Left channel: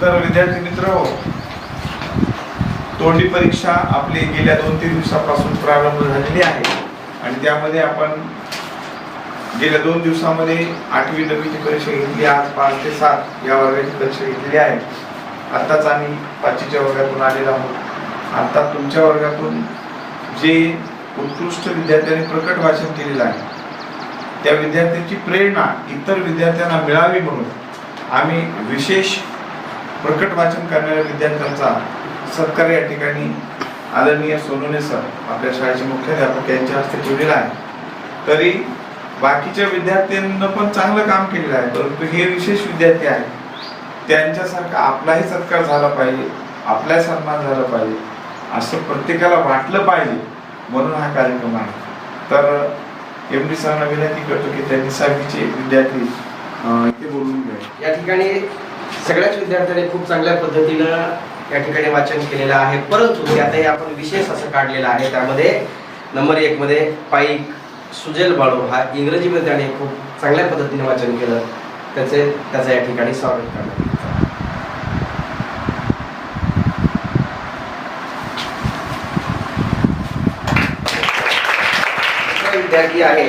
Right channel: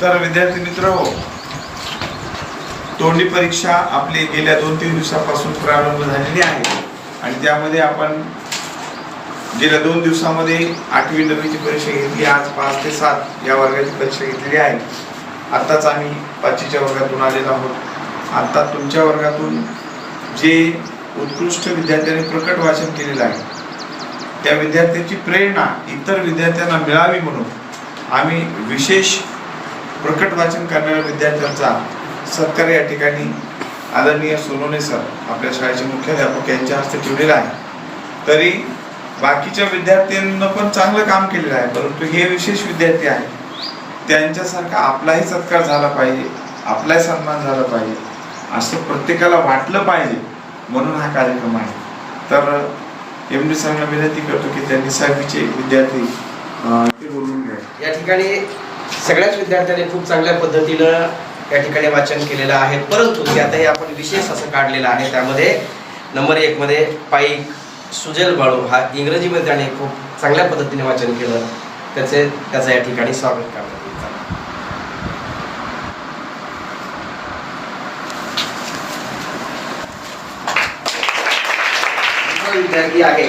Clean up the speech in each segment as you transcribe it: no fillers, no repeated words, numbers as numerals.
तर विद्यार्थी मित्र हो, तोंडी परीक्षा आपली गेल्या 2-3 दिवसापासून प्रारंभ झालेली आहे आणि त्यामध्ये आपण गेल्या 2 दिवसामध्ये 8वी 9वीची परीक्षा घेतली. आज 5 ते 7 या वर्गाची परीक्षा घेतलेली आहे. आत्ताच आम्ही 5वीच्या वर्गातून आलेलो आहोत. आता तुमच्या वर्गातून जे उत्कृष्ट विद्यार्थ्यांनी प्रकट वाचन केलेलं आहे त्या विद्यार्थ्यांची प्रेरणा इतर विद्यार्थ्यांना मिळावी म्हणून आम्ही विशेष प्रकट वाचन करणाऱ्या विद्यार्थ्यांचा सत्कार या ठिकाणी आदरणीय सोनवणे सर आपल्या शाळेचे मुख्याध्यापक यांच्या हस्ते ठेवलेला आहे. तरी बाकीच्या विद्यार्थ्यांना पण चांगलं काम केलेलं आहे, परंतु हे विशेष विद्यार्थी आहेत त्यांच्यासारखा आपलाही सत्कार झाला पाहिजे, आपलाही सन्मान झाला पाहिजे असं प्रत्येकाला वाटलं पाहिजे म्हणून हा कार्यक्रम आहे. तर एम डी सरांना विनंती करतो की त्यांनी 6वीचे विद्यार्थी इथे बोलून घ्या. या ठिकाणी सगळ्याच विद्यार्थ्यांनी खूप चांगल्या पद्धतीनं या ठिकाणी वाचन केलेलं आहे, परंतु त्यातही आपण विशेष असं काढलेलं आहे. त्यामध्ये नंबर 1 मध्ये पाईक सुजल बाळू हा इंग्रजीमध्ये त्याने खूप चांगल्या पद्धतीने वाचन केलं. त्याचं या ठिकाणी स्वागत करण्यात येईल. विद्यार्थी आहे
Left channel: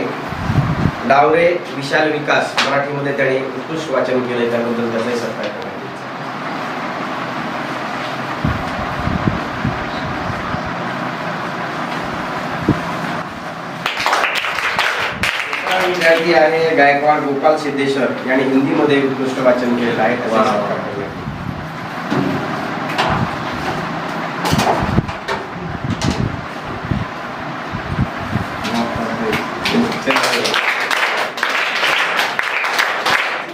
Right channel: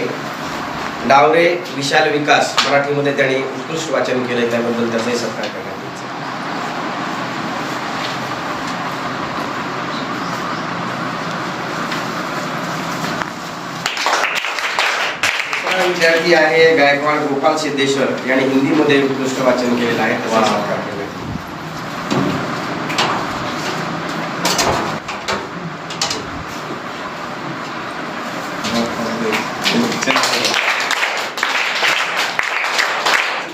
डावरे विशाल विकास, मराठीमध्ये त्यांनी उत्कृष्ट वाचन केलंय, त्याबद्दल त्याचाही सत्कार करण्यात येईल. विद्यार्थी आहे गायकवाड गोपाल सिद्धेश्वर यांनी हिंदीमध्ये उत्कृष्ट वाचन केलेलं आहे, त्याचा सत्कार करण्यात येईल.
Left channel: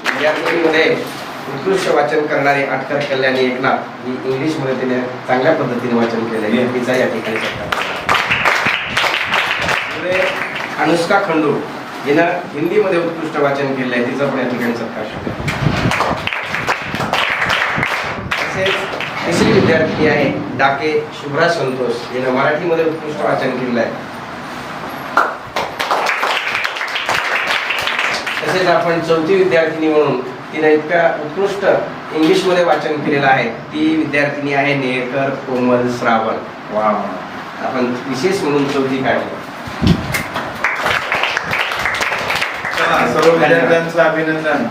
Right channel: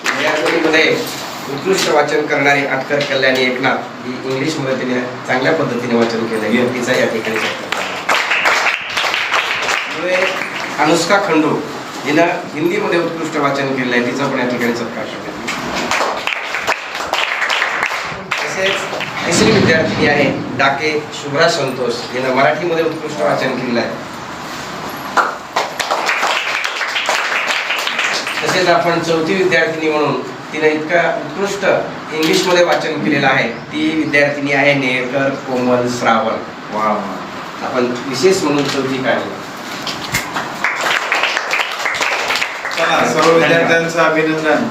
विद्यार्थीमध्ये उत्कृष्ट वाचन करणारे आटकर कल्याणी एकनाथ ही इंग्लिशमध्ये तिने चांगल्या पद्धतीने वाचन केलंय, तिचा या ठिकाणी सत्कार. अनुष्का खंडू हिनं हिंदीमध्ये उत्कृष्ट वाचन केलं आहे, तिचा पण या ठिकाणी सत्कार करण्यात. तसेच तिसरी विद्यार्थी आहे डाके शुभ्रा संतोष, हिनं मराठीमध्ये उत्कृष्ट वाचन केलं आहे. तसेच आपण चौथी विद्यार्थिनी म्हणून तिने इतका उत्कृष्ट इंग्लिशमध्ये वाचन केलेलं आहे, ती विद्यार्थिनी आहे नेरकर कोमल श्रावण. वा, आपण विशेष म्हणून चौथी काढली. सर्व विद्यार्थ्यांचं अभिनंदन.